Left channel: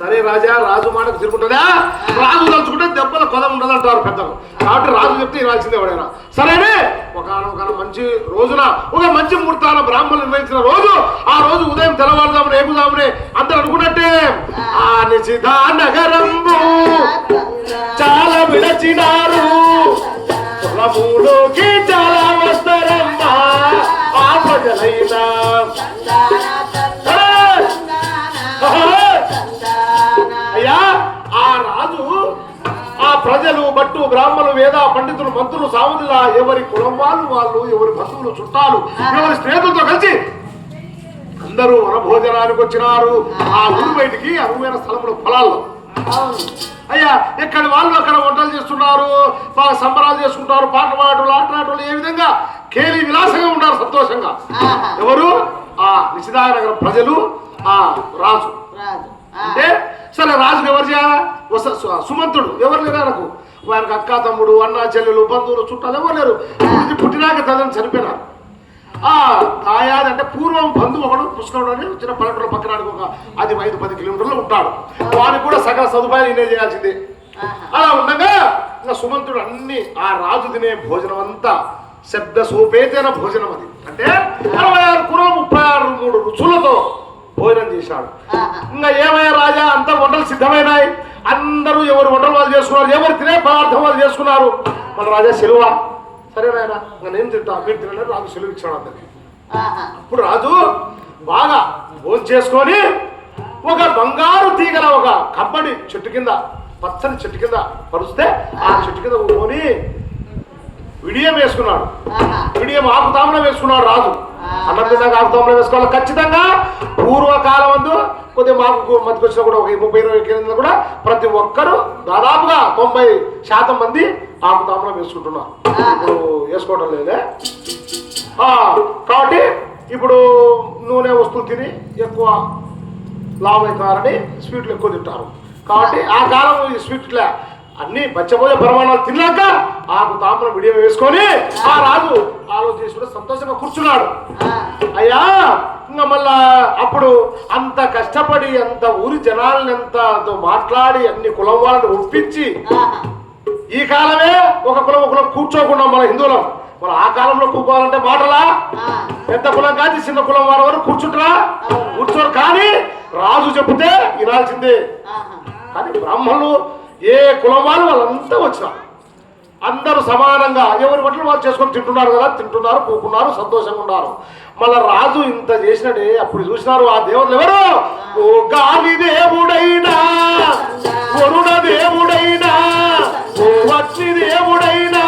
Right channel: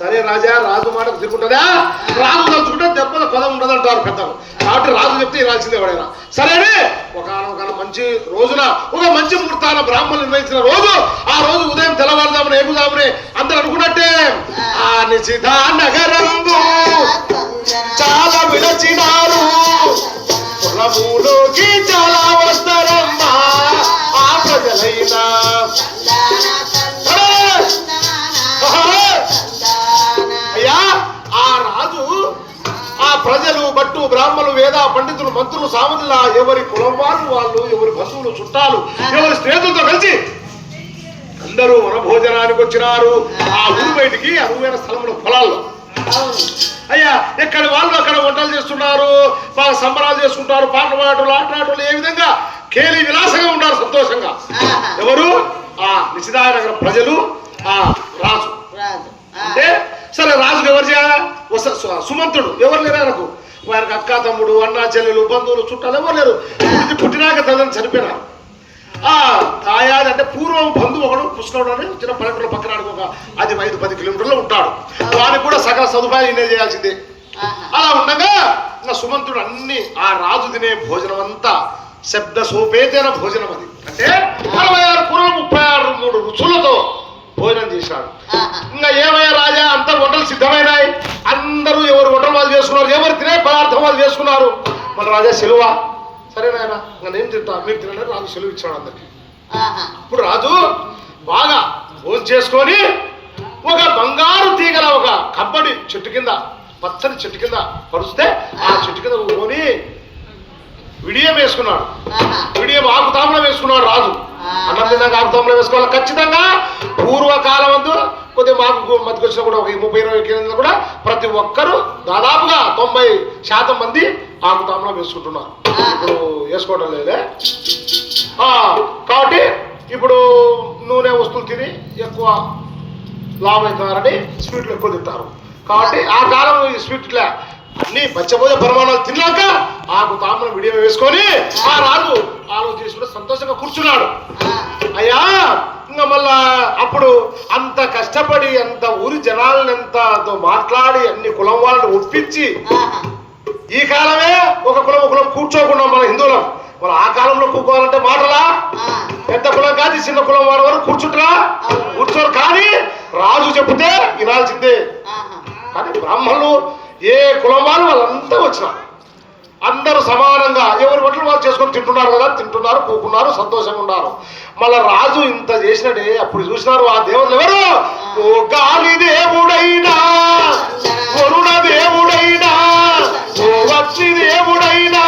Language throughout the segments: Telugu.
సరే రాజా రాజు మాటకు తిరుగుతుందా రాజు తలుచుకుంటే దెబ్బల పదం ఉండదు అంటారు పెద్దలు. కాబట్టి రాజు చెప్తే ఇవ్వాల్సిందే ఎవడైనా. సరేనే? ఒక మంచి రోజున ఒక మంచి ముహూర్తాన బ్రాహ్మణులు నిర్వహించిన రోజు ఆ రోజు ఉదయం తెల్లవారుదామని ఏముదామని అందరు అనుకున్నట్టే. ఆ నిశిధా నగరంబు చాలా విడచినారు కులములోకి చాలా వస్తారమ్మా. ఆ ప్రజలైనా ప్రజలు బట్టు బ్రాహ్మణులు వేద పండితులు మంత్రులు సామంతుల ఎవరి కులం వాళ్ళు వాళ్ళు ఎవరి బంధువులు చుట్టాలు ఎవరి స్నేహితులతో కలిసి అందరూ వనభోజనానికి వచ్చినారు. ఆ ఊరు బయటికి అనువైన స్థలంలో పొలాల్లో. అయ్యా ఎక్కడ వాళ్ళు అక్కడ వంటలు చేస్తున్నారు బాగా సంబరాలు చేసుకుంటారు పాటలు పాడటం ఆటలాటలు ఏ విధంగా? కేలి విలాసంగా ఉంటారు సంతోషంగా. ఎవరు? ఆ నిశిదానగర ప్రజలు ఆ రాజు. అంటే సరే రాజుకు ఎవరు చేయాలా? సుమంతుడు ఎవరు లేరు ఆయనకు? వారికి అక్క తమ్ముడు అన్న చెల్లెలు బంధువులు చుట్టాలు ఎవరు లేరు? ఇది పుట్టినాక తల్లిని చనిపోయినారు ఆ కాయాది అంటే పూర్వం బంధువు ఒకడు కృష్ణుడు అని చిన్న పల్లెటూరు పక్కన ఒక అది ఐదు పది కిలోమీటర్లు ఉంటాడు. వానికి కూడా సకల సదుపాయాలు ఇన్నే చేయాల్సిందే. అలా ఉండగా ఇంకా సుమంతుడు అన్ని ఆ రాజు తినే భోజనం అంతా శబ్ద సోపేతైన భోజనం అది అంటే అరవై ఆరు కూరలు ముప్పై ఆరు మూడు రుచులతో భోజనం చేశాడు ఇంకా ఏమయ్యా రాజా అంతా వంటలు సిద్ధమైనాయి? అందరూ ఎవరు వంటలు వాళ్ళు చేసుకున్నారు? ఎవరు తినే పదార్థం వాళ్ళు చేసుకున్నారు? మరి రాజా సెలవ? సరే నాయన ఇంకా నేను తింటా. మీరు తినండి రాజు సెలవు ఇచ్చాడు అందరికి. ఇప్పుడు రాజు బాగా భోజనం చేసుకొని ఒక బంగారు తీగల ఒక కబ్బడి చెట్టు కింద పచ్చని చెట్టు కింద పరుస్తే ఆ చెట్టు కింద కొని విడియం వేసుకున్నాడు. విడియం ఆకుతాంబలం వేసుకున్నాడు రాజు. అన్నం తిన్నాక వేసుకోవాలి. ఖచ్చితంగా పూర్వకాలం అందు కొద్దిగా మాకు మధ్యకి కూడా ఒక ముప్పై ఇరవై కేంద్రంలో కూడా ప్రతి ఒక్కరూ దాదాపుగా తొంభై శాతం మంది ఆకుతాంబలం వేసుకుంటున్నారు. ఇప్పుడు వేసుకోవడం లేదే. కాబట్టి ఇప్పుడు నూనె వస్తువులు తిని ఎక్కువ లాభం అవుతారని స్వీట్లు ఎక్కువ తింటారు. కాబట్టి ఆ కాలం ఈ స్వీట్ల అన్ని బచ్చబోజ పరిమాణాలు తిన్నాక ఆకు తామరం విడియం వేసుకొని ఆ రాజు ఆలోచన చేసుకుంటే సంతోషంగా కూర్చున్నాడు. అయ్యా ఇంకా మళ్ళా అప్పుడు అంత కష్టపడి అంత ఊరి జనాలను ఎంతతో మాట్లాడి అన్ని కులం వాళ్ళని ఒప్పించి ఈ కాలమే ఒక కులం ఒక కులం కూర్చోకుండా మన హిందువులం. మరి ఆ కాలంలో కూర్చోవాలంటే మాటలా? పెద్ద కులం కాదు చిన్న కులం వారి వరకు కూర్చుంటారా? కూర్చోరు కానీ రాజు చెబితే వినాల్సిందే. కానీ బ్రాహ్మణులు ఏ కులం వాళ్ళు వాళ్ళంతా వచ్చినారు అందరూ సమానంగా ఎవరి బట్టలు వాళ్ళు చేసుకొని తింటున్నారు కదా తింటున్నారు కూకున్నారు సంతోషంగా ఉన్నారు. మళ్ళా రాజు ఇంత చేసినట్టే అప్పుడు చూసినారు ఆ దేవుళ్ళు ఎవరు? ఓ గాలి దేవుడైనా వరుణ దేవుడైనా ఓ దేవుడైనా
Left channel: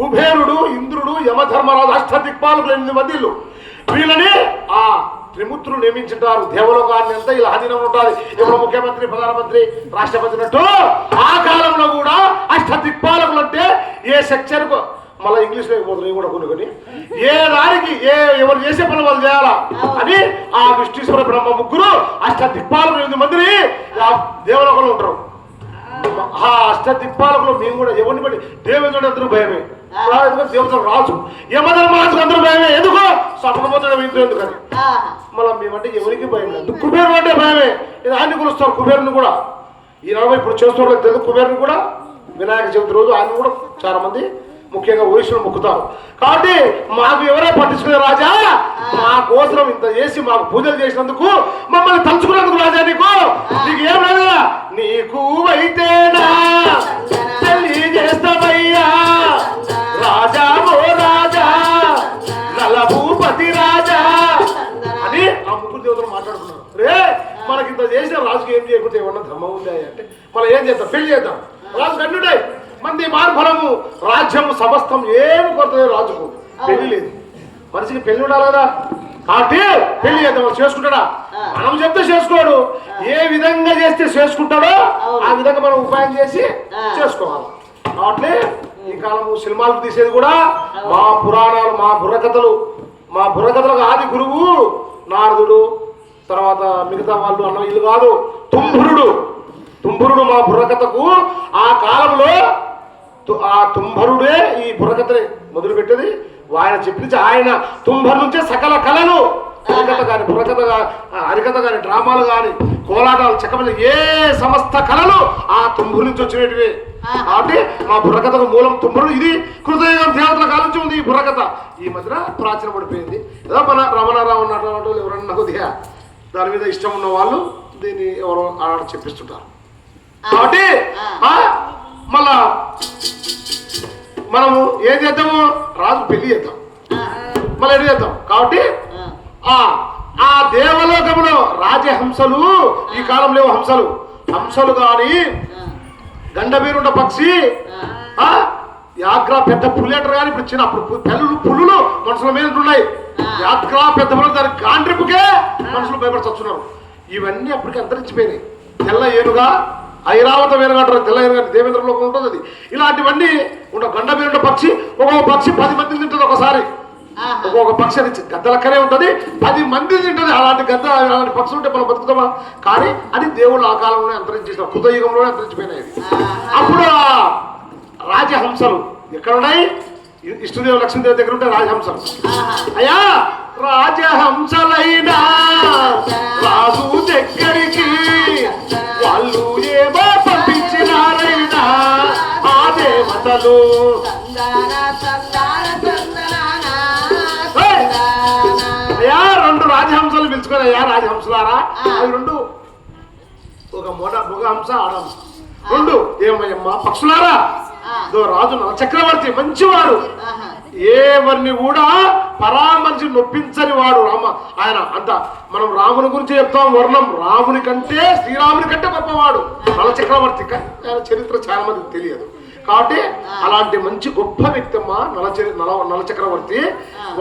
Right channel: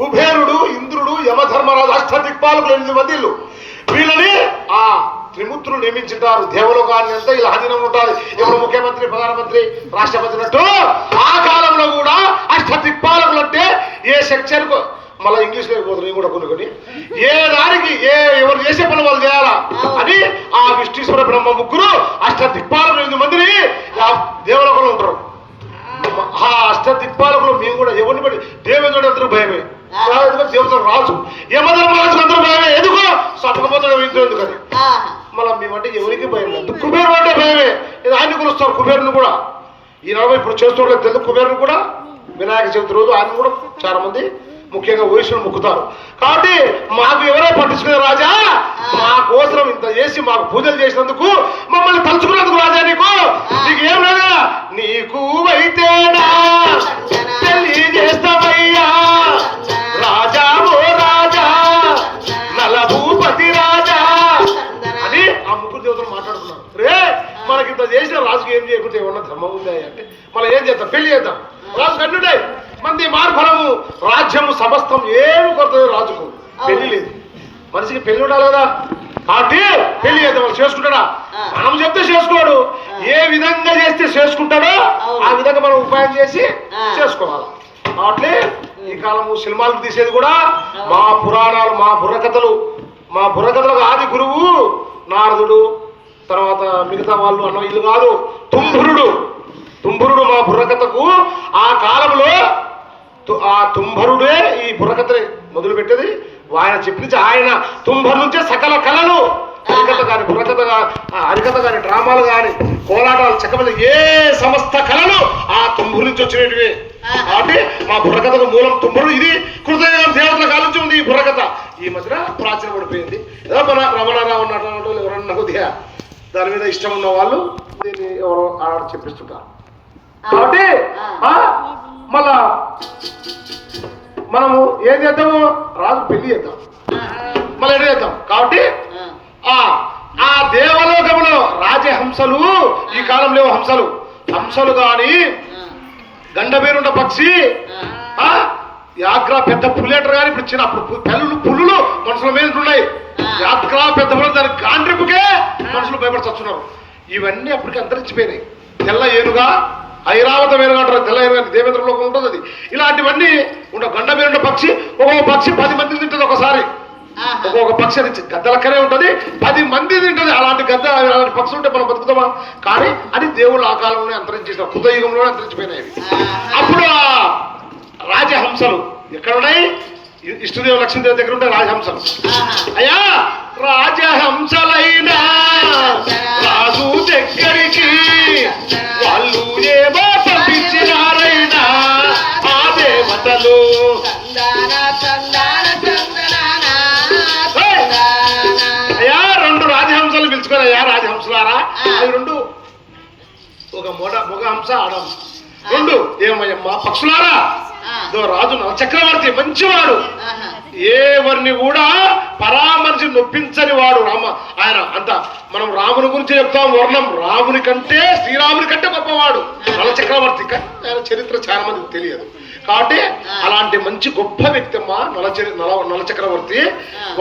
కుబేరుడు ఇంద్రుడు యమధర్మరాజు అష్ట దిక్పాలకులు ఎనిమిది మంది వీళ్ళు. వీళ్ళని ఆ త్రిమూర్తులు నియమించుంటారు. దేవలోకాన్ని అంతా ఇలా అధీనం ఉంటారు ఎవరు ముఖ్యమంత్రి ప్రధానమంత్రి రాష్ట్రపతి అన్నట్టు ఆ కాలంలో కూడా అష్ట దిక్పాలకులు అంటే ఏ సెక్షన్ మళ్ళీ ఇంగ్లీష్ లేకపోతుంది నేను కూడా కొనుక్కొని. ఏ దానికి ఏ ఎవరు చేసే పని వాళ్ళు చేయాలా? అని ఆ విష్ణుశ్వర బ్రహ్మ ముగ్గురు అష్ట దిక్పాలకులు ఎనిమిది మందిని దేవలోకంలో ఉంటారు. ఆ. అష్ట దిక్పాలకులు మేము కూడా ఎవరిని బట్టి దేవేంద్రుడు అందరూ భయమే. రాజు యమధర్మరాజు అందరూ భయమే? ఎందుకో? సపకపోతాడు ఎందుకని మళ్ళీ మేమంటే ఎవరికి భయం లేదు? కుబేరుడు అంటే భయమే. ఇది ఆయన కొలుస్తారు కుబేరుని కూడా. ఈ నలభై ఇప్పుడు చేస్తున్నారు తెలుసు కుబేరుని కూడా. వినాయక చవితి రోజు ఆయన కూడా చాలా మంది ముఖ్యంగా వయసులు మొక్కుతారు. కాబట్టి మాకు ఎవరే పట్టించుకునే రాజా? మా కోసం ఇంత చేసి మాకు పూజలు చేసినందుకు మమ్మల్ని తలుచుకున్నందుకు రాజా నీకు? నీకు ఏం లేదా నీకు అయితేనా చేసిన రాజుకి ఏం చేయకపోతే ఏమన్నా ధర్మం ఉందా అంటే మనం ఏం చేద్దాం? పెళ్ళి చేద్దాం. రాజు కన్నుడే. మంది మార్ఫలము రాజ్యము సమస్తం ఏమి కొడుతుంది రాజుకు. పెళ్ళి లేదు. మనిషికి పెళ్ళి ఉండాలి కదా. కాబట్టి పెళ్ళి చేద్దాం. చేసుకుంటాడా? మనం చెప్తే చేసుకోడు. ఏ విధంగా చేస్తే చేసుకుంటాడో ఆ విధంగా మనం ఉపాయం చేసి చేసుకోవాలి. కాబట్టి ఈ కాలము సినిమాలు తీసేది కూడా మా పురాణాలు మా బుర్రకథలు. మా బుర్రకథలకు ఆది గురువు నారదుడు. తర్వాత మిగతా వాళ్ళు అన్న ఇల్లు కాదు తుంభురుడు. తుంభురుడు మా బుర్రకథకు ఆ కాలంలో తు- ఆ తుంభరుడే ఈ బుర్రకథని మొదలుపెట్టేది. ఆయన చెప్పించి ఆయన తుంభరు నుంచే సకల కళలు హరికథ కానీ బుర్రకథ గా- హరికథ కానీ డ్రామాలు కానీ కోలాటాలు చెక్కమని ఏ సమస్త కళలు ఆ తుంభురు నుంచి వచ్చినటివి. కాబట్టి మా బుర్రకథకు మూలం తుంభరుడు ఇది కృతయుగం దేవతల కాలించి ఉంది ఈ బుర్రకథ. ఈ మధ్యన ప్రాచీన పడిపోయింది ఏదో మన రమణారావు ఉన్నటువంటి ఎవరన్నా కొద్దిగా దాని మీద ఇష్టం ఉన్న వాళ్ళు దీన్ని ఎవరో ఆడ చెప్పిస్తుంటారు. కాబట్టి ఆ, మళ్ళా మనము ఏం చేద్దాము రాజు పెళ్ళి చేద్దాం. మళ్ళీ ఏం చేద్దాం? కాబట్టి ఆ. ఆ దేవలోకములో రాజహంసలు ఈ కాలంలో హంసలు. హంసలు గాని గండమీరుండ పక్షి ఆ. యాగ్రా పెద్ద పుల్లేటర్ కానీ ఇప్పుడు చిన్న అప్పుడు పు- పెళ్ళులు పులులు మనుషుల మీద ఉన్నాయి పెద్ద దాని గాండ్రిపుకే మనుషులు భయపడుతున్నారు ఇవన్నీ అప్పటికి అంతరించిపోయినాయి. తెల్ల ఏనుగా ఐరావత వేరుగా అంటారు తెల్ల ఏనుగా దేవేంద్ర లోకం ఉంటుంది అది. ఇలాంటివన్నీ ఉండ గండమీరుండ పక్షి ఒక్కొక్క పక్షి పది మంది తింటుంది ఒకసారి. ఒక్కొక్క పక్షి అది గద్ద లెక్కనే ఉంటుంది పది మంది తింటుంది. అలాంటి గద్ద అలాంటి పక్షి ఉంటే మనం బతుకుతామా? కానీ అది దేవుళ్ళు ఆ కాలంలోనే అంతరించేసిన కృతయుగంలోనే అంతరించిపోయినాయి. అప్పుడు రాజహంసలు ఎక్కడ ఉన్నాయి? ఇష్టదేవ లక్ష్మీదేవి దగ్గర ఉంటే రాజహంసం అయ్యా రాజహంసలైనా రాజు దగ్గరికి వాళ్ళు ఏమో పంపించినారైనా ఆ దేవతలు. అయ్యా రెండు రాజహంసలు పిలుచుకొని అయ్యా రాజహంసలారా. అవి రెండు ఒక మొగ మొగ హంస ఆడహంస రెండు ఏమయ్యమ్మ పక్షులారా? రాజు చక్రవర్తి మంచివాడు. ఎవరిని కూడా పరామర్శి నొప్పించని వాడు రామ. ఆయన అంత మనం రాముని గురించి చెప్తాం వర్ణం రాముని కంటే శ్రీరాముని కంటే గొప్పవాడు. నల చక్రవర్తి ఆయన చరిత్ర చాలా మందికి తెలియదు. కాబట్టి అలాంటి మంచి గొప్ప వ్యక్తి అమ్మా నల నల నల చక్రవర్తి.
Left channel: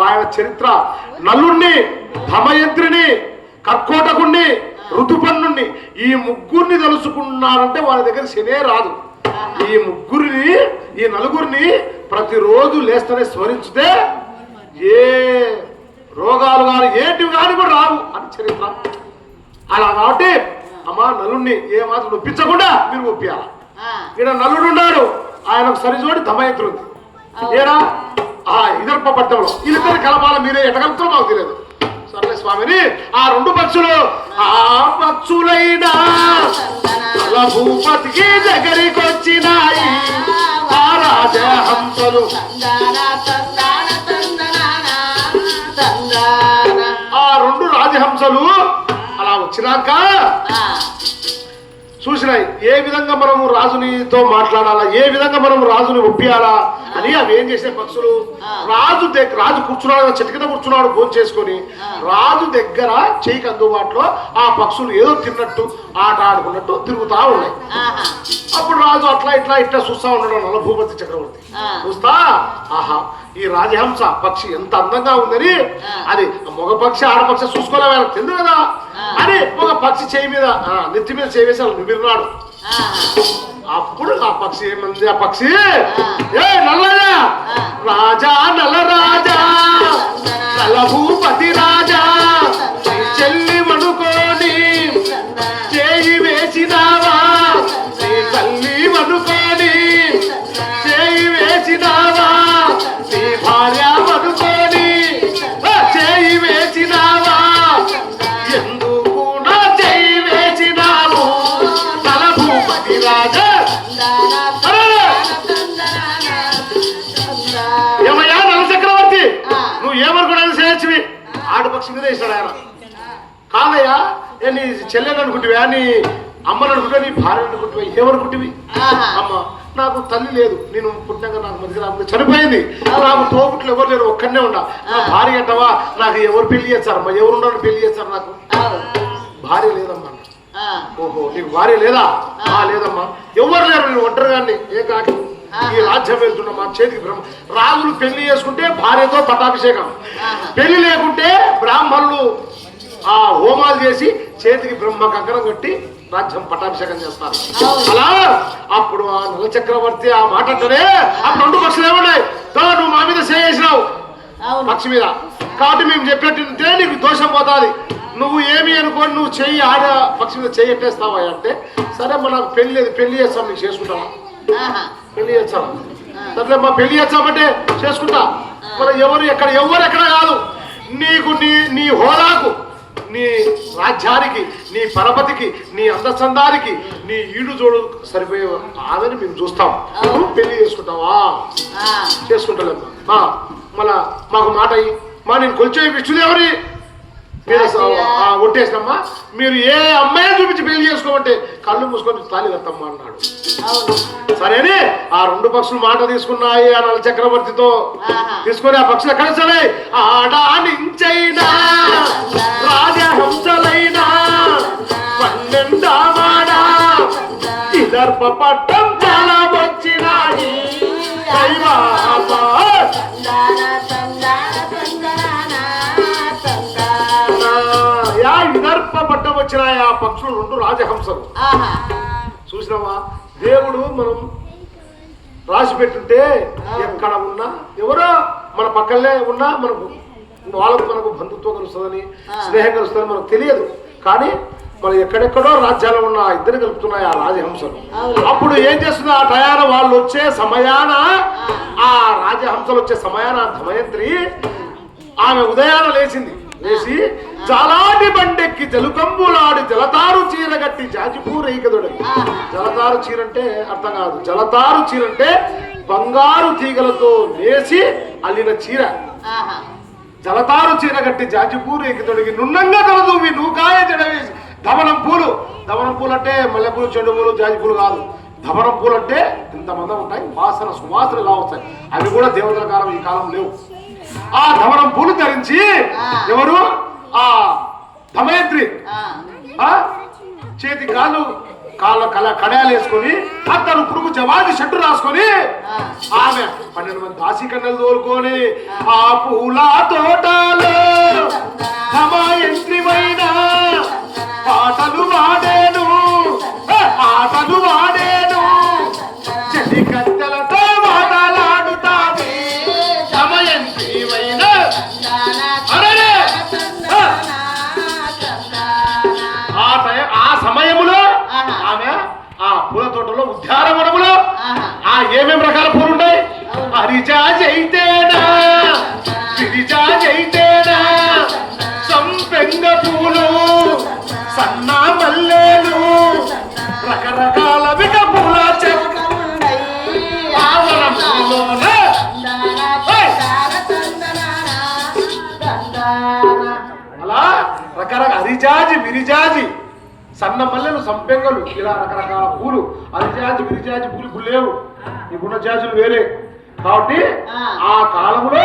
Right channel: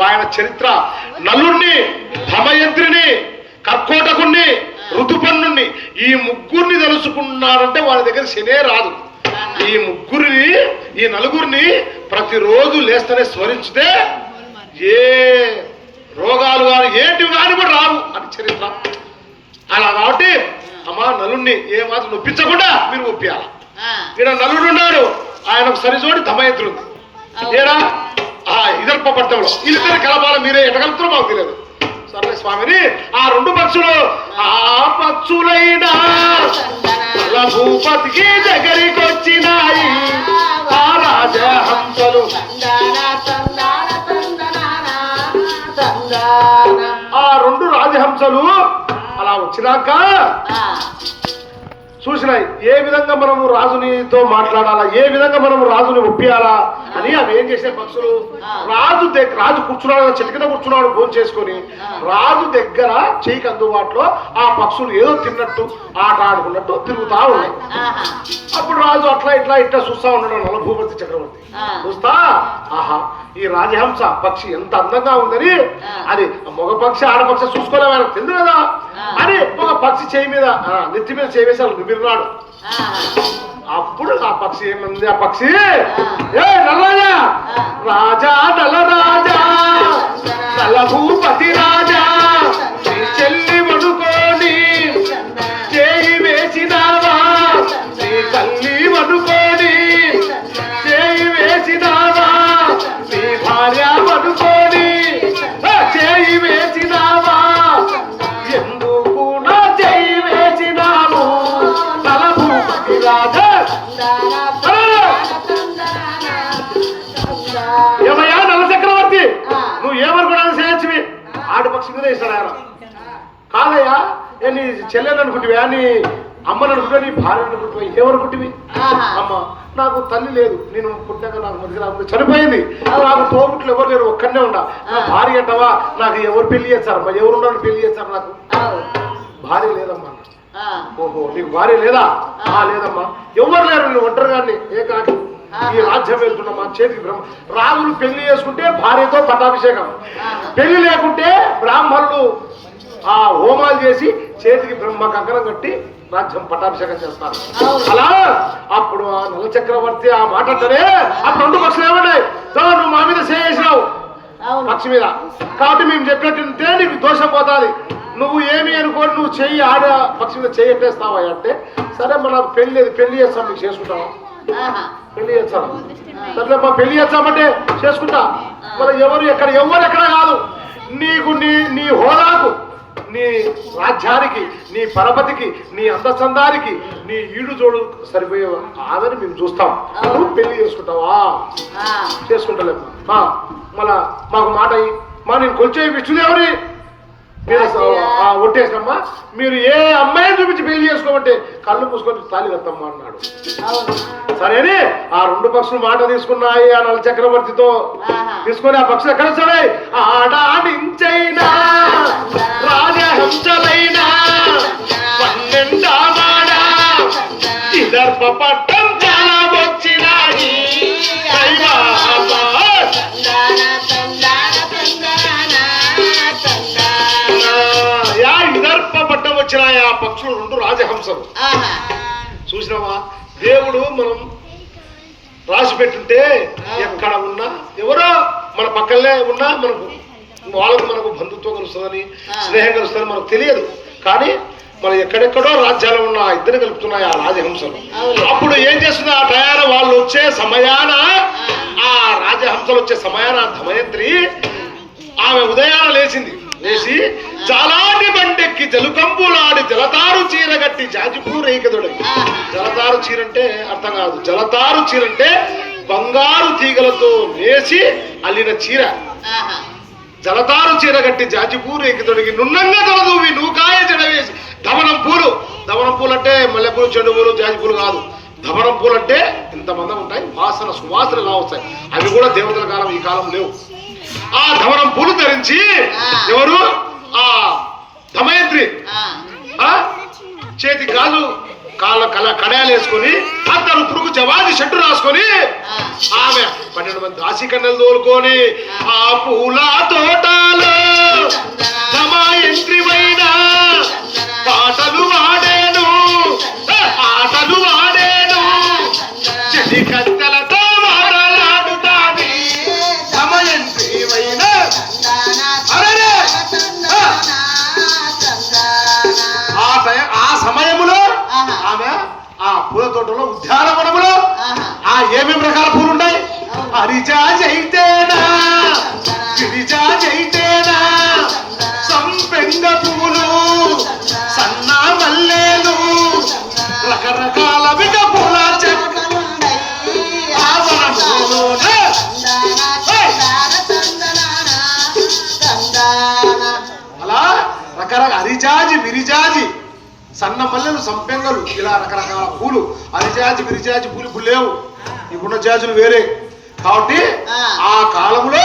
ఆయన చరిత్ర నలుణ్ణి ధమయంత్రిని కర్కోటకుణ్ణి ఋతుపన్నుణ్ణి ఈ ముగ్గురిని తెలుసుకున్నారంటే వాళ్ళ దగ్గర శనే రాదు. ఈ ముగ్గురిని ఈ నలుగురిని ప్రతిరోజు లేస్తేనే స్మరించితే ఏ రోగాలు కానీ ఏంటివి కానీ కూడా రావు అని చరిత్ర. అలా కాబట్టి అమ్మా నలుణ్ణి ఏ మాత్రం నొప్పించకుండా మీరు ఒప్పియాలి? ఈడ నలుడు ఉన్నాడు ఆయనకు సరిజోడి దమయంత్రి ఉంది ఈడ ఆ ఇదర్ప పట్టంలో వీళ్ళిద్దరు కలపాల మీరే ఎటగలుగుతారో మాకు తెలియదు. సర్లే స్వామిని ఆ రెండు పక్షులు ఆ పక్షులైనా భూపతికి దగ్గరికి వచ్చినాయి ఆ రాజహంసలు. ఆ రెండు రాజహంసలు అలా వచ్చినాక చూసినాయి. ఏ విధంగా మనము రాజునితో మాట్లాడాలా? ఏ విధంగా మనము రాజుని ఒప్పియాలా? అని అవి ఏం చేసే పక్షులు? రాజు దగ్గర రాజు కూర్చున్నాడు కింద కూర్చున్నాడు ఫోన్ చేసుకొని. రాజు దగ్గర చేయికి అందుబాటులో ఆ పక్షులు ఏదో తిన్నట్టు ఆట ఆడుకున్నట్టు తిరుగుతా ఉన్నాయి. అప్పుడు రాజు అట్లా ఇట్లా ఇట్లా చూస్తా ఉన్నాడు నల భూపతి చక్రవర్తి. చూస్తా? ఆహా ఈ రాజహంస పక్షి ఎంత అందంగా ఉందని. అది మగ పక్షి ఆడపక్షి ఆయనకు తెలియదు కదా. అని ఒక పక్షి చేయి మీద నెత్తి మీద చేయి వేసి అలా నిమిరినాడు అప్పుడు ఆ పక్షి ఏమంది? ఆ పక్షి? ఏ నల్లయ్య! రాజా నల్ల రాజా నల్ల భూపతి రాజా! చెల్లెని అనుకుంటువా నీ అమ్మని అనుకుంటా నీ భార్య అనుకుంటువా ఏమనుకుంటువి అమ్మ నాకు తల్లి లేదు. నేను పుట్టినాక నాకు మధ్య నాకు చనిపోయింది. నాకు తోబుట్లు ఎవరు లేరు? ఒక్కడనే ఉన్నా. నా భార్య అంటావా? నాకు ఎవరు పెళ్ళి చేస్తారమ్మా ఎవరు ఉన్నాడు పెళ్ళి చేస్తారు నాకు? భార్య లేదమ్మా. ఓహో నీకు భార్య లేదా? లేదమ్మా. ఎవరు లేరు? నేను ఒంటరిగాన్ని ఏ కాకి ఈ రాజ్యం వెళ్తున్నమ్మా చేతికి బ్రహ్మ. రాజులు పెళ్ళి చేసుకుంటే భార్యతో పట్టాభిషేకం. పెళ్ళి లేకుంటే బ్రాహ్మణులు ఆ హోమాలు చేసి చేతికి బ్రహ్మ కంకణం కట్టి రాజ్యం పట్టాభిషేకం చేస్తారు. అలా అప్పుడు ఆ నల చక్రవర్తి ఆ మాట అంటేనే ఆ రెండు పక్షులు ఏమన్నాయి "దో, నువ్వు మా మీద చేసినావు పక్షి మీద. కాబట్టి మేము చెప్పినట్టుంటే నీకు దోషం పోతాది. నువ్వు ఏమి అనుకోని నువ్వు చెయ్యి ఆడ పక్షి మీద చెయ్యి ఎట్టేస్తావా అంటే సరే మన పెళ్ళి లేదు పెళ్ళి చేస్తాం నీకు చేసుకుంటావా. పెళ్ళి చేస్తాం సరే మా పెళ్ళి చేస్తామంటే చేసుకుంటా. మరి ఎవరు ఎక్కడ ఎవరు ఎక్కడ కాదు. నీకు నీ నీ హోదాకు నీ రాజ్యానికి నీ పరపతికి నీ అందచందానికి నీ ఈడు జోడు సరిపోయే ఆదని మేము చూస్తాం. నువ్వు పెళ్ళి చేసుకుంటావా? ఆ. చేసుకుంటలేము మా మళ్ళా మాకు మాట అయ్యి మా నేను కొంచెం విష్ణుదేవుని మీరు ఒట్టేసినమ్మా. మీరు ఏ అమ్మాయిని చూపించి పెళ్ళి చేసుకోమంటే కళ్ళు మూసుకొని తాళి కట్టమ్మా అన్నాడు. సరేనే ఆ రెండు పక్షులు మాట తీసుకున్నాయి ఆ నల చక్రవర్తితో. తీసుకొని ఆ పక్షులు ఎక్కడ సరే రాజహంసలైనా ఇదర్ప పట్టం వచ్చినాయి? ఆ పక్షులు రెండు రాజహంసలు. చూసినావా? దేవుడు మనం రాసి పెట్టుంటే ఎక్కడ ఉన్నా ఎవరో మన పక్కనే ఉన్నా మనకు వాళ్ళకు మనకు బంధుత్వం కలుస్తుందని స్నేహం కలుస్తుందని మనకు తెలియదు. కానీ మనం ఎక్కడెక్కడో రాజ్యాలు ఉన్న ఇద్దరు కలుపుతున్నాయి ఆ రాజహంసలు. అప్పుడు ఏం చేస్తుంది? ఆ టయాన వాళ్ళు వచ్చే సమయాన ఆ రాజహంసలు వచ్చే సమయాన ధమయంత్రి ఆమె ఉదయాన లేచింది. లేచి చాలాటి బండెక్కి జలుకంబులాడి జలతారు చీరగట్టి జాజిపూ రేకదొడగి జలతారు చీర అంటే అర్థం కాదు. జలతారు చీర అంటే బంగారు తీగలతో నేసి అల్లిన చీర. జలతారు చీర కట్టి జాజిపూ రేకితొడిగి నున్నంగా తలదూవి నూకాయ జడవేసి దమనం పూలు. దమనం పూలు అంటే మల్లెపూలు చెండు పూలు జాజి పూలు కాదు. దమనం పూలు అంటే ఇంత మందం ఉంటాయి. వాసన సువాసనగా వస్తాయి? అవి కూడా దేవతల కాలం ఈ కాలం లేవు. ఆ దమనం పూలు ధరించి ఎవరు? ఆ దమయంత్రి. ఆ. చేతి కాళ్ళు కాళ్ళ కల కడయాలు వేసుకొని అతను పురుగు జవాజి షట్టు రాసుకొని. ఆమె పన్నెండు మంది దాసి కన్నెలు తోలుకొని ఆ. పూల తోటలో దమయంత్రివైన పాటలు వాడేను ఏ, ఆటలు వాడేను సన్న మల్లెలు సంపెంగలు ఇలా రకరకాల పూలు. హరిజాజి విరిజాజి పూలు ఇప్పుడు లేవు. ఇప్పుడున్న జాజులు వేరే. కాబట్టి ఆ. కాలంలో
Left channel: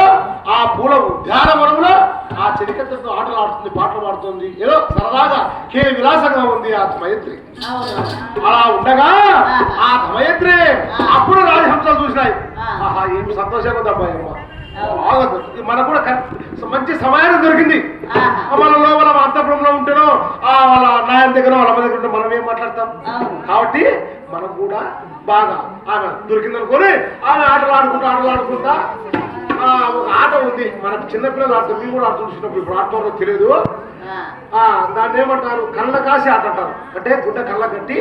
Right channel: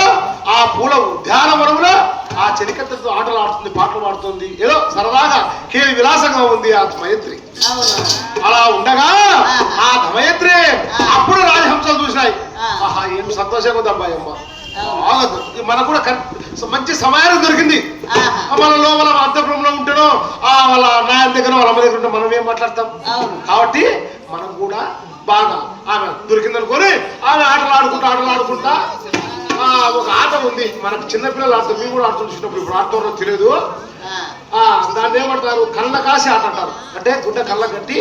ఆ పూల ఉద్యానవనంలో ఆ చెలికత్తతో ఆటలు ఆడుతుంది పాటలు పాడుతుంది. ఏదో సరదాగా కే విలాసంగా ఉంది ఆ మైత్రి అలా ఉండగా ఆ ధమయత్రి అప్పుడు రాజహంసలు చూసినాయి. ఆహా ఏం సంతోషంగా ఉంది అబ్బాయి అమ్మ. బాగా మనకు కూడా మంచి సమయానికి దొరికింది. మన లోపల మన అంతఃపురంలో ఉంటేనో ఆ వాళ్ళ నాయన దగ్గర వాళ్ళ అమ్మ దగ్గర ఉంటే మనం ఏం మాట్లాడతాం. కాబట్టి మనం కూడా బాగా ఆమె దొరికిందనుకొని ఆమె ఆటలు ఆడుకుంటా ఆటలు ఆడుకుంటా ఆ, ఒక ఆట ఉంది. మనకు చిన్నపిల్లలు ఆడుతారు మేము కూడా ఆడుతుంటున్నప్పుడు ఇప్పుడు ఆడుతారో తెలియదు. ఆ, దాన్ని ఏమంటారు? కళ్ళ కాసి ఆట అంటారు. అంటే గుడ్డ కళ్ళ కట్టి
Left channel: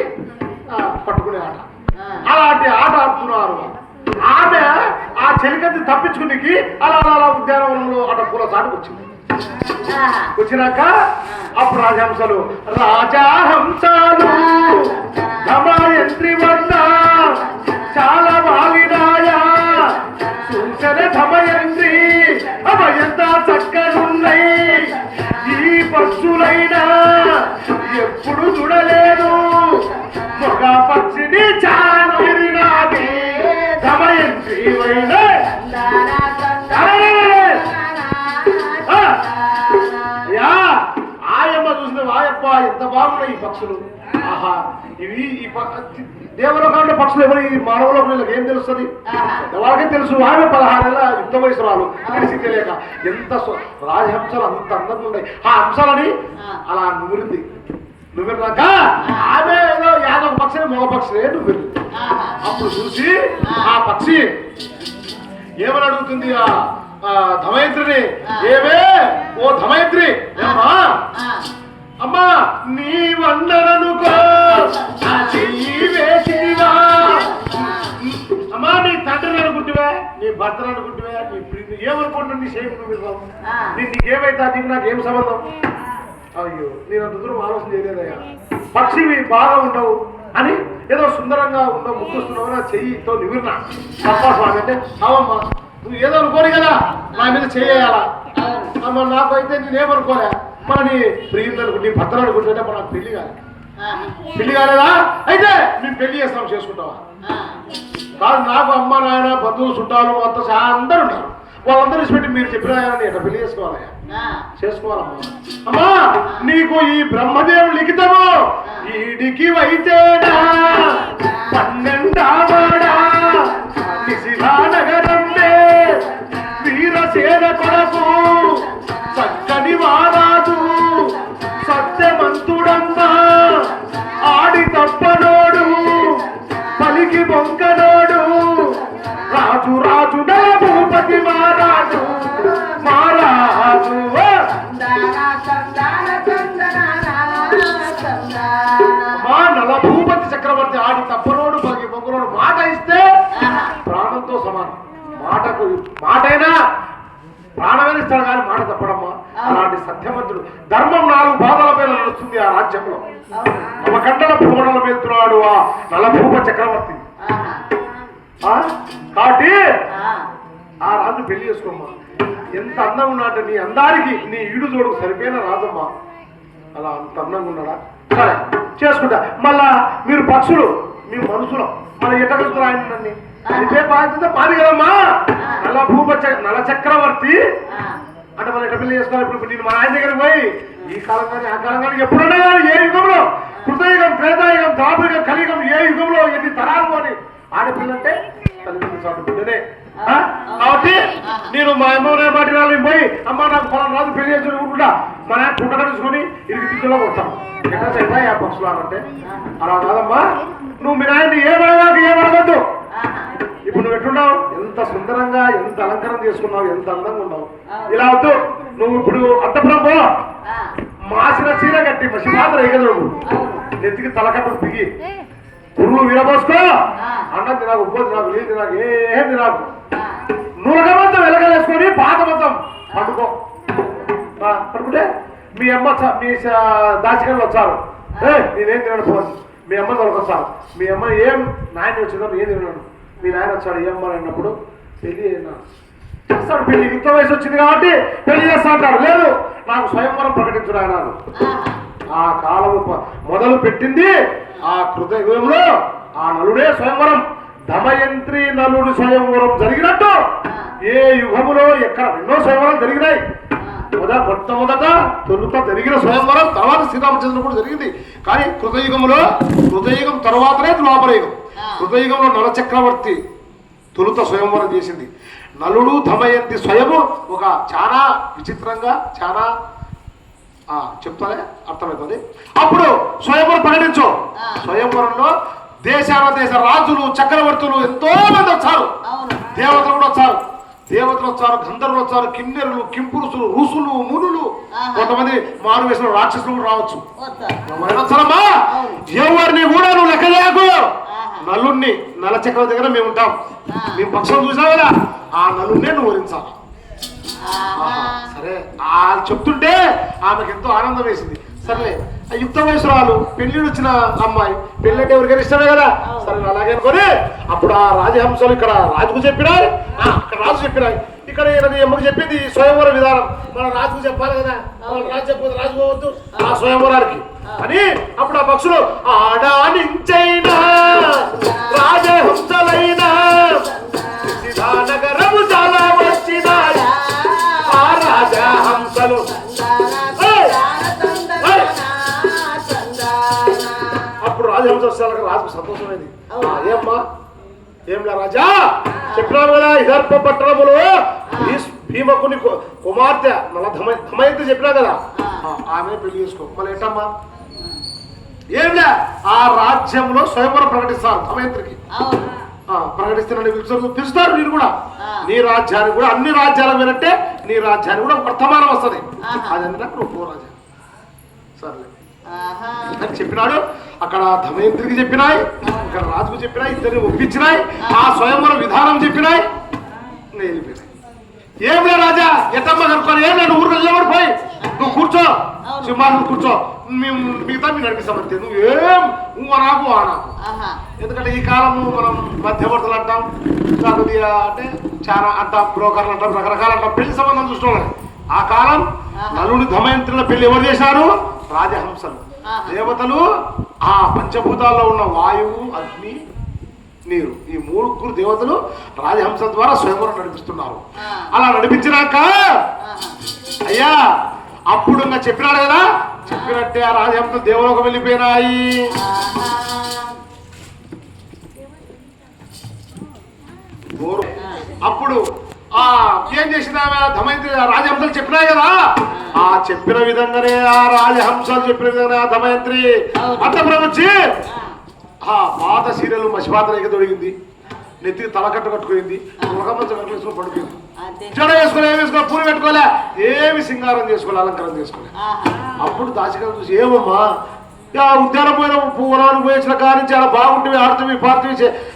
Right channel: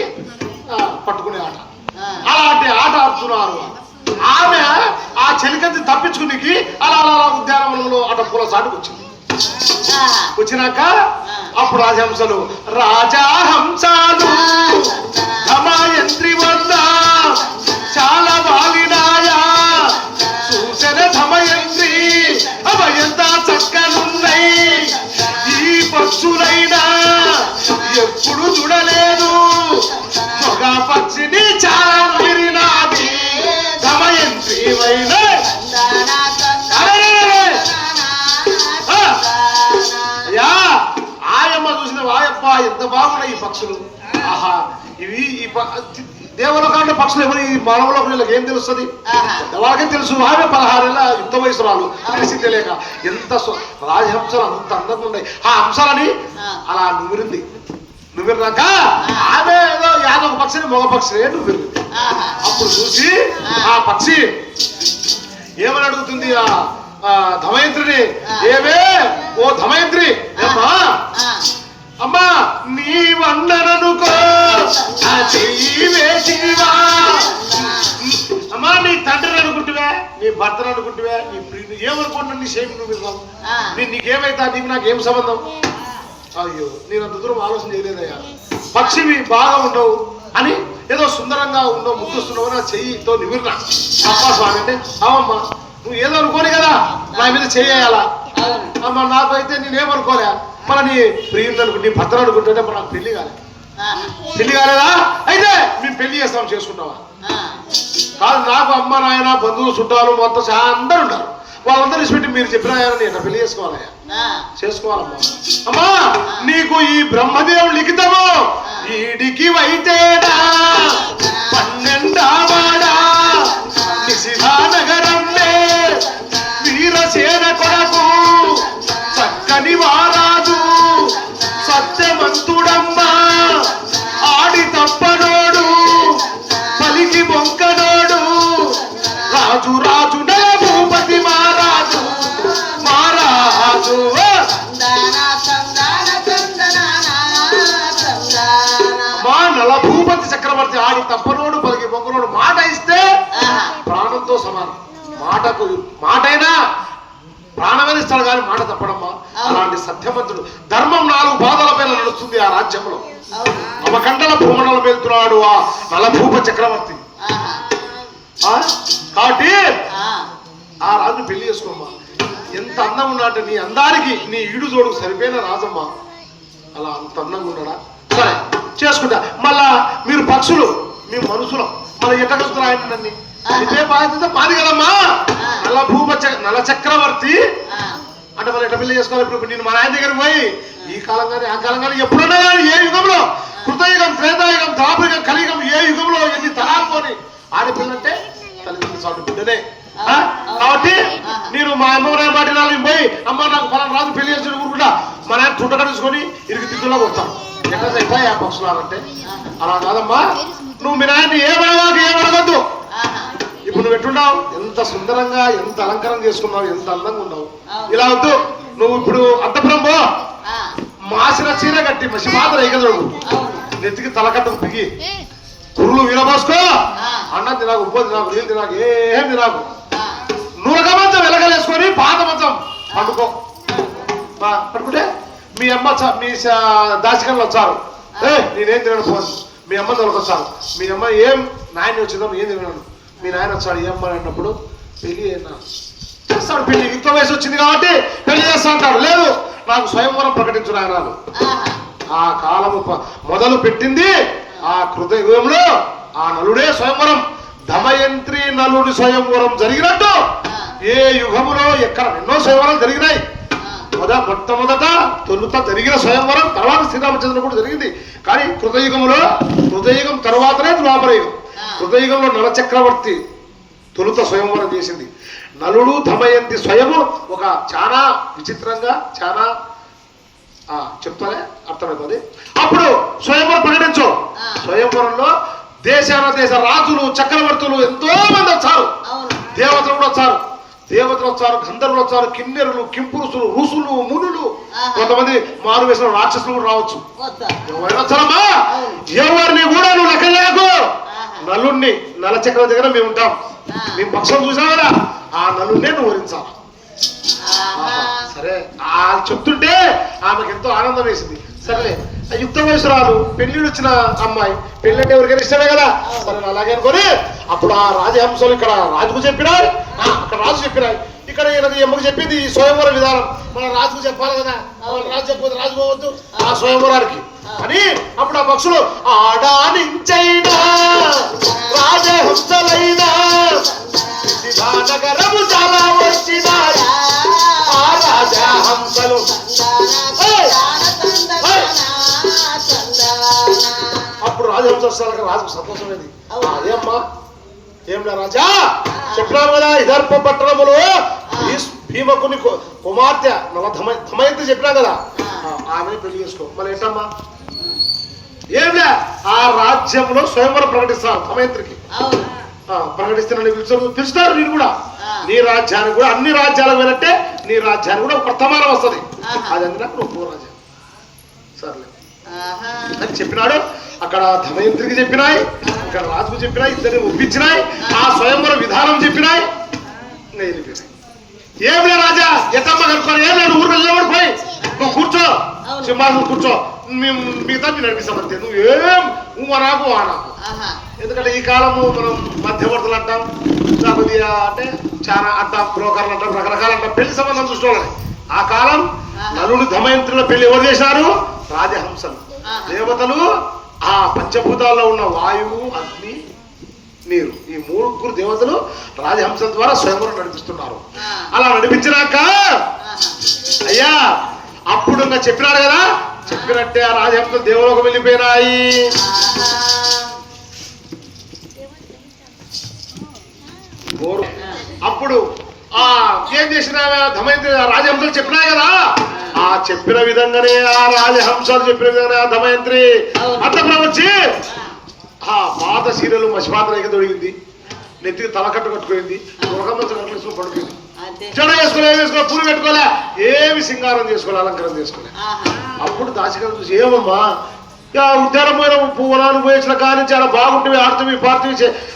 పట్టుకునే ఆట. అలాంటి ఆట ఆడుతున్నారు. ఆమె చెలికత్తి తప్పించుకునికి అలా అలా ఉద్యానవనంలో అట పూల సాటుకు వచ్చింది. వచ్చినాక అప్పుడు రాజహంసలు రాజహంసాలు ధమయంత్రి వద్ద చాలా వాలినాయా సూచన ధమయంత్రి అభయంత చక్కనున్నాయి ఈ పక్షులైనా ఎప్పుడు చూడలేదు. మగ పక్షిని చాలా ఎంత బాగున్నాయి ఈ పక్షులు. ఆహా ఇవి ఈ పక్షులు ఎవరు? ఈ మానవులకు వీళ్ళకి ఏం తెలుస్తుంది. వాళ్ళకే తెలుసు ఆమె పదహారేళ్ళ యుక్త వయసురాలు. తెలిసిందే లేక ఎంత రాజహంసలు అంత అందంగా ఉన్నాయి. ఆ హంసలని ఆ. అలా నూరింది నువ్వు రాక ఆమె ఏదో యాదవ పక్షి మగ పక్షి నువ్వు. అప్పుడు చూసి ఆ. పక్షి ఏమని అడుగుతుంది ఆ ధమయంత్రిని? ఏమే? ఓ ధమయంత్రి ఏమ్మా? ఆ. అమ్మా నీ వందననుకో. చెయ్యి అమ్మా నీ తండ్రిని అనుకుంటువే నీ భర్తను అనుకుంటువే నీ ప్రియుని ఏమనుకుంటున్నా నీ సేపు నువ్వు. నీ నీకేమైతే నీకు నాకేం సంబంధం? అయ్యో నేను అంత దూరం ఆలోచన చేయలేదయ్యా. పక్షివి బాగా ఉండవు అని ఏదో సుందరంగా ఉండవు ముద్దుస్తున్నావు నా చెయ్యితో నివిరినా. తప్పా స్వామి అంటే అవమ్మా నువ్వు ఏదో అనుకోని కదా నా మీద చెయ్యాలా అవును. అమ్మ నాకు అయితే నేనేమనుకోలే. మన నీ ప్రియుడు అనుకుంటే భర్తను అనుకుంటుంటే మన నాకు పెళ్ళి ఆహా. పెళ్ళి కాలేదా అయితే మేము పెళ్ళి చేస్తాం చేసుకుంటావా. కాదు నాకు అమ్మ నాయన బంధువులు చుట్టాలు మొత్తం అందరూ ఉంటారు వాళ్ళందరూ ఇచ్చిపెట్టి మీరు చెప్పిన ఆయన నేను పెళ్ళి చేసుకోవాలయ్యా. చేసుకోవాలమ్మా అమ్మా నీకు ఈ బ్రహ్మదేవుడు లిఖితము ఈడికి వైతేడా పన్నెండావాడా పలికి బొంకనోడు రాజు రాజు నా భూపతి మహారాజు మహారాజు నల భూపతి చక్రవర్తి ఆడి తప్పనోడు పలికి బొంకనోడు మాట ఇస్తే. ప్రాణంతో సమానం మాటకు మాటైనా ప్రాణమైన ఇస్తాడు కానీ మాట తప్పడమ్మా అలాంటి సత్యవంతుడు ధర్మం నాలుగు పాదాల పైన నడుస్తుంది ఆ రాజ్యంలో అవును. నవకండల భూమణలు వెళ్తున్నాడు ఆ నలభూప చక్రవర్తి? కాబట్టి ఆ. రాజు పెళ్ళి చేసుకోమ్మా. ఎంత అందం ఉన్నట్టు నీ అందానికి నీ ఈడు జోడుకు సరిపోయిన రాజమ్మా. అలా అంత అందంగా ఉన్నాడా సరే చేసుకుంటా. మళ్ళా మీరు పక్షులు మీ మనుషులు మళ్ళీ ఎట్లా చూస్తున్నా ఆయన ఇదే బాధ్యత మాది కదమ్మా. నల భూప చ- నల చక్రవర్తి. అంటే మళ్ళీ ఎట్లా పెళ్ళి చేసుకోవాలి ఇప్పుడు? నేను మా ఆయన దగ్గరికి పోయి ఈ కాలం కానీ ఆ కాలం కానీ ఎప్పుడన్నా కానీ ఏ యుగంలో? కృతయుగం త్రేతాయుగం ద్వాపయుగం కలియుగం ఏ యుగంలో ఎన్ని తరాలు పోని? ఆడపిల్లంటే తల్లిదండ్రులు చాటు బిడ్డనే ఆ? కాబట్టి నేను మా అమ్మ మాట నాలుగు పోయి అమ్మ నాకు ఫలానా రాజు పెళ్ళి చేసి ఊరుకుంటా. మా నాన్న చుట్ట కలుసుకొని ఇరికి తిట్టులో కొడతాం ఎట్లా ఆ పక్షులాలంటే అలా కాదమ్మా. నువ్వు మీ నాయన్ని ఏమనగద్దు ఆహా. ఇప్పుడు నువ్వు ఎట్టున్నావు ఎంత సుందరంగా ఎంత అలంకారం చేసుకున్నావు ఎంత అందంగా ఉన్నావు. ఇలా వద్దు. నువ్వు ఇప్పుడు అంతపురం పో. మాసిన చీర కట్టి మసి మాత్రం ఎగదు నువ్వు. నెత్తికి తలకట్టు పిగి. కురులు విరబోసుకో. అన్నం తినాకు ఉప్పు తినాకు నీళ్ళు తినాకు ఏం తినాకు. నూనెక మంచం వెలగలేసుకొని పాత మంచం పండుకో పడుకుంటే మీ అమ్మ మీ స- దాచికలు వచ్చారు. ఏ నేనేం తినను ఫోన్ మీ అమ్మ తొలకొచ్చారు. మీ అమ్మ ఏం నాయన వచ్చిందో ఏం తిన్నాను మీ నాయన వచ్చాడు ఏం అమ్మ అన్నప్పుడు పెళ్ళి అయినా చేస్తాడు పెళ్ళి యుక్త వయసు వచ్చింది కాబట్టి పెళ్ళి చేస్తా అంటాడు లేదు నాకు స్వయంవరం ప్రకటించు నాయన. ఆ కాలము మొదలు పెట్టింది ఆ కృతయుగంలో ఆ నలుడే స్వయంవరం దమయంత్రి నలుడి స్వయంవరం జరిగినట్టు. ఏ యుగములో ఎక్కడ ఎన్నో స్వయంవరం జరిగినాయి. మొద మొట్టమొదట తొలుత జరిగిన స్వయంవరం తర్వాత శ్రీరామచంద్రుడు కూడా జరిగింది. కానీ కృతయుగంలో కృతయుగం తర్వాతనే ద్వాపరయుగం కృతయుగంలో నల చక్రవర్తి తొలుత స్వయంవరం చేసింది. నలుడు దమయంతి స్వయము ఒక చాలా విచిత్రంగా చాలా చెప్తానే అర్థమైపోతుంది అప్పుడు స్వయంవరం ప్రకటించు. స్వయంవరంలో దేశాల దేశ రాజులు చక్రవర్తులు ఎంతో మంది వచ్చారు. దేవతలు కూడా వచ్చారు దేవతలు వచ్చారు గంధర్వులు వచ్చారు కిన్నెరులు కింపురుసులు ఋషులు మునులు. కొంతమంది మారు వేసిన రాక్షసులు కూడా రావచ్చు వచ్చారమ్మా. ఎవరిని కూడా నువ్వు లెక్క లేకు. నలుణ్ణి నల చక్రం దగ్గర మేము ఉంటాం. మేము పక్షం చూసావా ఆ నలున్నే నువ్వు వరించాలి. సరే ఆ చెప్తుంటే ఆమెకి ఎంతో ఆనందం వేసింది. సరే యుక్త వయసురాలు పెళ్ళిడు వచ్చిన అమ్మాయి పెళ్ళి అంటే ఎవరికైనా ఇష్టమే కదా? సరే అలాగే అనుకొని అప్పుడు ఆ రాజహంసలు ఇక్కడ రాజుకు చెప్పినాయి ఆ, అక్కడ రాజు చెప్పినాయి. ఇక్కడ ఎమ్మకు చెప్పింది ఈ స్వయంవర విధానం. మన రాజుకు చెప్పాలి కదా? మన రాజు చెప్పదు రాజు పోవద్దు. ఆ స్వయంవరానికి. అని అప్పుడు ఆ పక్షులు ఆడానించైనా రాజహంసలైనా నగరము చాలా వచ్చినాయి రాజహంస వచ్చేసరికి రాజుకు సంతోషమైంది ఏమ్మా? ఏంలా రాజా? చెప్పినావు కదా ఇదర్ప పట్టణములో భీమకుని కుమార్తె ధమయంతి చెప్పినా కదా? ఆమె పెళ్ళి చేసుకో. మళ్ళీ ఏంటమ్మా? ఏంలే ఆ రాజ్యంలో స్వయంవరం ప్రకటిస్తాను సమయంత్రికి అవును. ఆ, ప్రకటిస్తున్నాను పిలుస్తారు పిలుస్తారు నేను కూడా. నీ రాజ్యానికి కూడా అన్ని రాజ్యాలు వినట్టే నీ రాజ్యానికి కూడా వర్తమానం వస్తుంది. అది అందుకు నువ్వు రాజా. సర్లే. అని చెప్పినాడు. అక్కడ ధమయంత్రికి చెప్పినాయి ఇక్కడ రాజుకు చెప్పినాయి ఇద్దరిని ఒప్పించినాయి ఆ స్వయంవర విధానం చెప్పినాయి నేను వెళ్ళిపోయినాయి ఏమిలే రాజా ఎత్తమ్మ కనుక్కొని ఏం లేదు ఊరు వెళ్ళబడిపోయి నువ్వు కూర్చో. సింహాసనం కూర్చో. మేము మిగతా మీరు నడిపిస్తాం అంతే నువ్వు ఏం నువ్వు నాకు ఆ నాకు. ఎందుకంటే ఈ కాలము మనం మధ్యవర్తులు అంటాం ఇంకా కొద్దిగా అంటే చాలా అంటాం బ్రోకర్లు అంటాం రకరకాల అంటాం పెళ్ళి సంబంధం చూసుకోవాలి ఆ కాలం నలుడు ధమయంత్రుల పెళ్ళి ఎవరు చేశారు? రాజహంసలు. ఆహా. దేవతలు ఆ పంచభూతాల్లో ఉన్న వాయువు అగ్ని నీరు. ఈ మూడుగురు దేవతలు రాజహంసల ద్వారా స్వయంవరం నడిపిస్తున్నారు. అలా నడిపించినాక అయ్యా అప్పుడు ఇంకా చెప్పినాడు కదా చెప్పినట్టే ఆ రాజహంసలు దేవలోకి వెళ్ళిపోయినాయి. అప్పుడు ఆ ఏం చేసిన రాజహంసలు చెప్పినాయి కదా. ఆ చెప్పిన విధంగానే ఆ రాజహంసలు చెప్పిన విధంగా ఆ ధమయంత్రి. అవును. అంతపురం వచ్చి ఆ. పాత సీరియల్ మసిపాత్ర ఎగ దొరికింది నెత్తికి తలకట్టు కట్టుకుంది ఒక మంచం కట్టుకుని పడుకుంది. జడ వేసుకోలే ఏం వేసుకోలే పూలు పెట్టుకోలే ఏమి సింగారం చేసుకోలే అలంకారం చేసుకోలే అప్పుడు దాచికం చూసి ఏమమ్మా? ఉద్యానం పోయిన పువ్వులను పోయించిన కానీ చాలా బాగుంటుంది ఆడుతుంది పార్టీ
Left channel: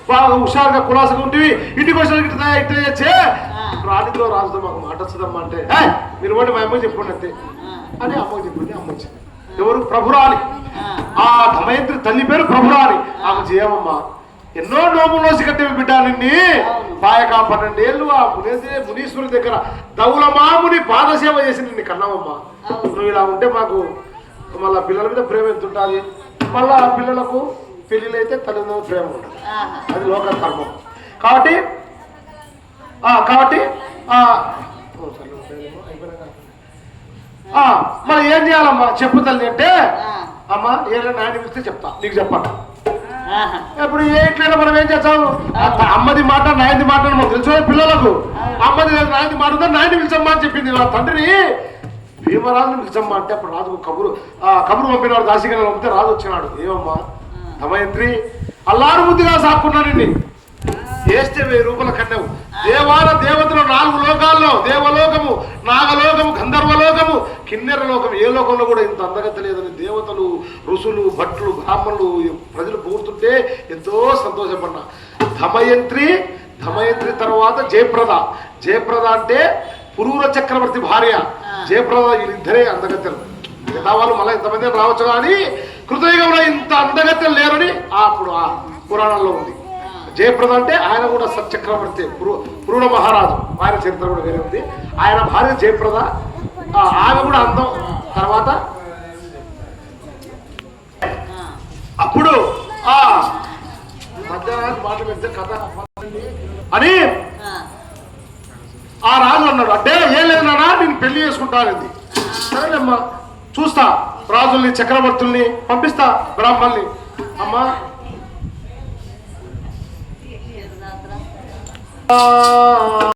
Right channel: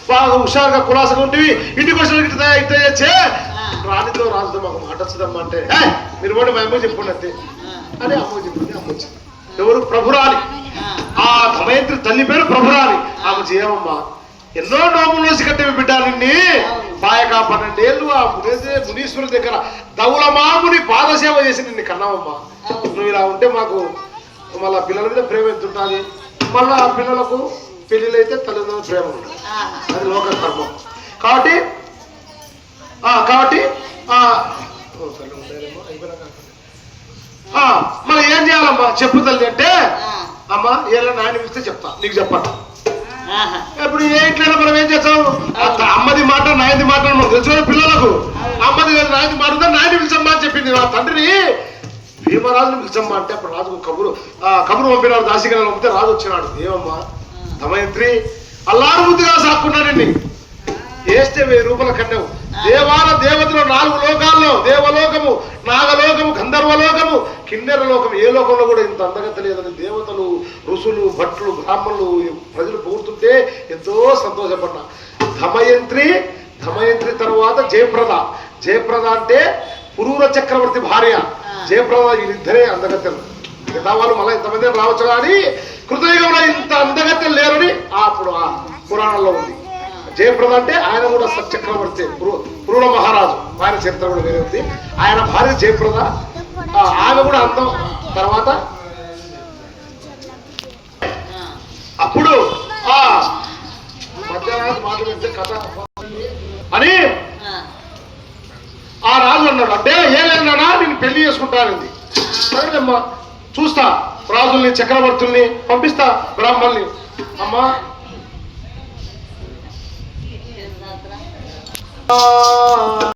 బాగా హుషారుగా కులాసగా ఉంటుంది ఇంటికి వచ్చిన ఇట్లా ఇట్లా చేస్తే రాణితో రాజుతో మాకు మాట వస్తుందమ్మా అంటే "ఏయ్, మీరు కూడా మా అమ్మ చెప్పుకోండి అంతే. అని అమ్మ చెప్పింది అమ్మ వచ్చింది ఎవరు? ప్రభురాని ఆ. దమయంత్రి తల్లి పేరు ప్రభురాని ఆమె చేయమమ్మా ఎన్నో నోములు నోసి కట్టే బిడ్డ నిన్ని. పాయక పన్నెండేళ్ళు ఆ మునేసే మునీశ్వరుడి దగ్గర దౌలమాముని పాదసేవ చేసి నిన్ను కన్నావమ్మా. నువ్వు ఇలా ఉంటే మాకు మళ్ళా పిల్లల మీద ప్రేమ ఎంత ఉంటుంది మళ్ళా ఆ పిల్లలకు పెళ్ళిళ్ళు అయితే తల్లిదండ్రుల ప్రేమ ఉంటుంది అది లోక కర్మం. కాబట్టి కాబట్టి మరి ఏం చేయాలమ్మా? చెప్పు తల్లి అంటే అమ్మా ఏళ్ళ నాయన పిలిస్తే చెప్తా. నీకు చెప్పండి ఇప్పుడు ఏ ఇంట్లో మనం ఏం చేస్తాం? అమ్మది మాట నాయనది మాట మనకు తెలుసు పిల్లలకు. అమ్మది నాయనది మాట ఉందా నాయన పిలిచమ్మా అని చెప్పింది నా తండ్రిని. భీమరాజుని పిలిచమ్మా అంటే అప్పుడు రాజు కబురు ఆ కబురు పంపినాడు దాసిగా పంపితే రాజు వచ్చినాడు. ఏమమ్మా? దమయంత్రి అల్లారు ముద్దుగా సాక్కున్నాడండి వేస్తే వెయ్యి రూపాయల కట్టావు. దేవాల దేవతలు నాలుగు లోకాల్లో దేవలోకము నాగలోకము గంధర్వలోకము కిన్నెర లోకము ఏ లోకంలో కూడా ఇంత అందగత లేదని దేవతలు ఋషులు భట్లు బ్రాహ్మణులు ప్రజలు పోతుంటే ఎంతో సంతోషపడ్డా. ధమయంత్రి ధమయంత్రి తర్వాత జయప్రద. జయప్రద అంటే పురూర చక్రవర్తి భార్య. జయప్రద వీళ్ళిద్దరే అందగత్తెలు మిగతా వాళ్ళు మళ్ళీ ఇంతమంది రావచ్చు కానీ కృతయుగంలో ఇంత అందగత్తెలు లేరని అప్పుడు ఆ పురాణంలో ఉంది. జయప్రద అంటే ఆయన కూడా సత్చక్రవర్తి పురు- మహారాజు. ఆయన చరిత్ర కూడా వేరే ఉంది. ఆయన భార్య జయప్రద. ఆమె కూడా అర్థం తర్వాత అప్పుడు ఆ మధ్యరాజు కథ అని ఆ రాజు అన్నాడు అంటే ఏం లేదన్నా నేను పెళ్ళి చేసుకుంటానంది. సరేనమ్మా చూస్తా రాజుల్ని చక్రవర్తుల్ని పంపిస్తా బ్రాహ్మణ్ణి. అమ్మా Oh.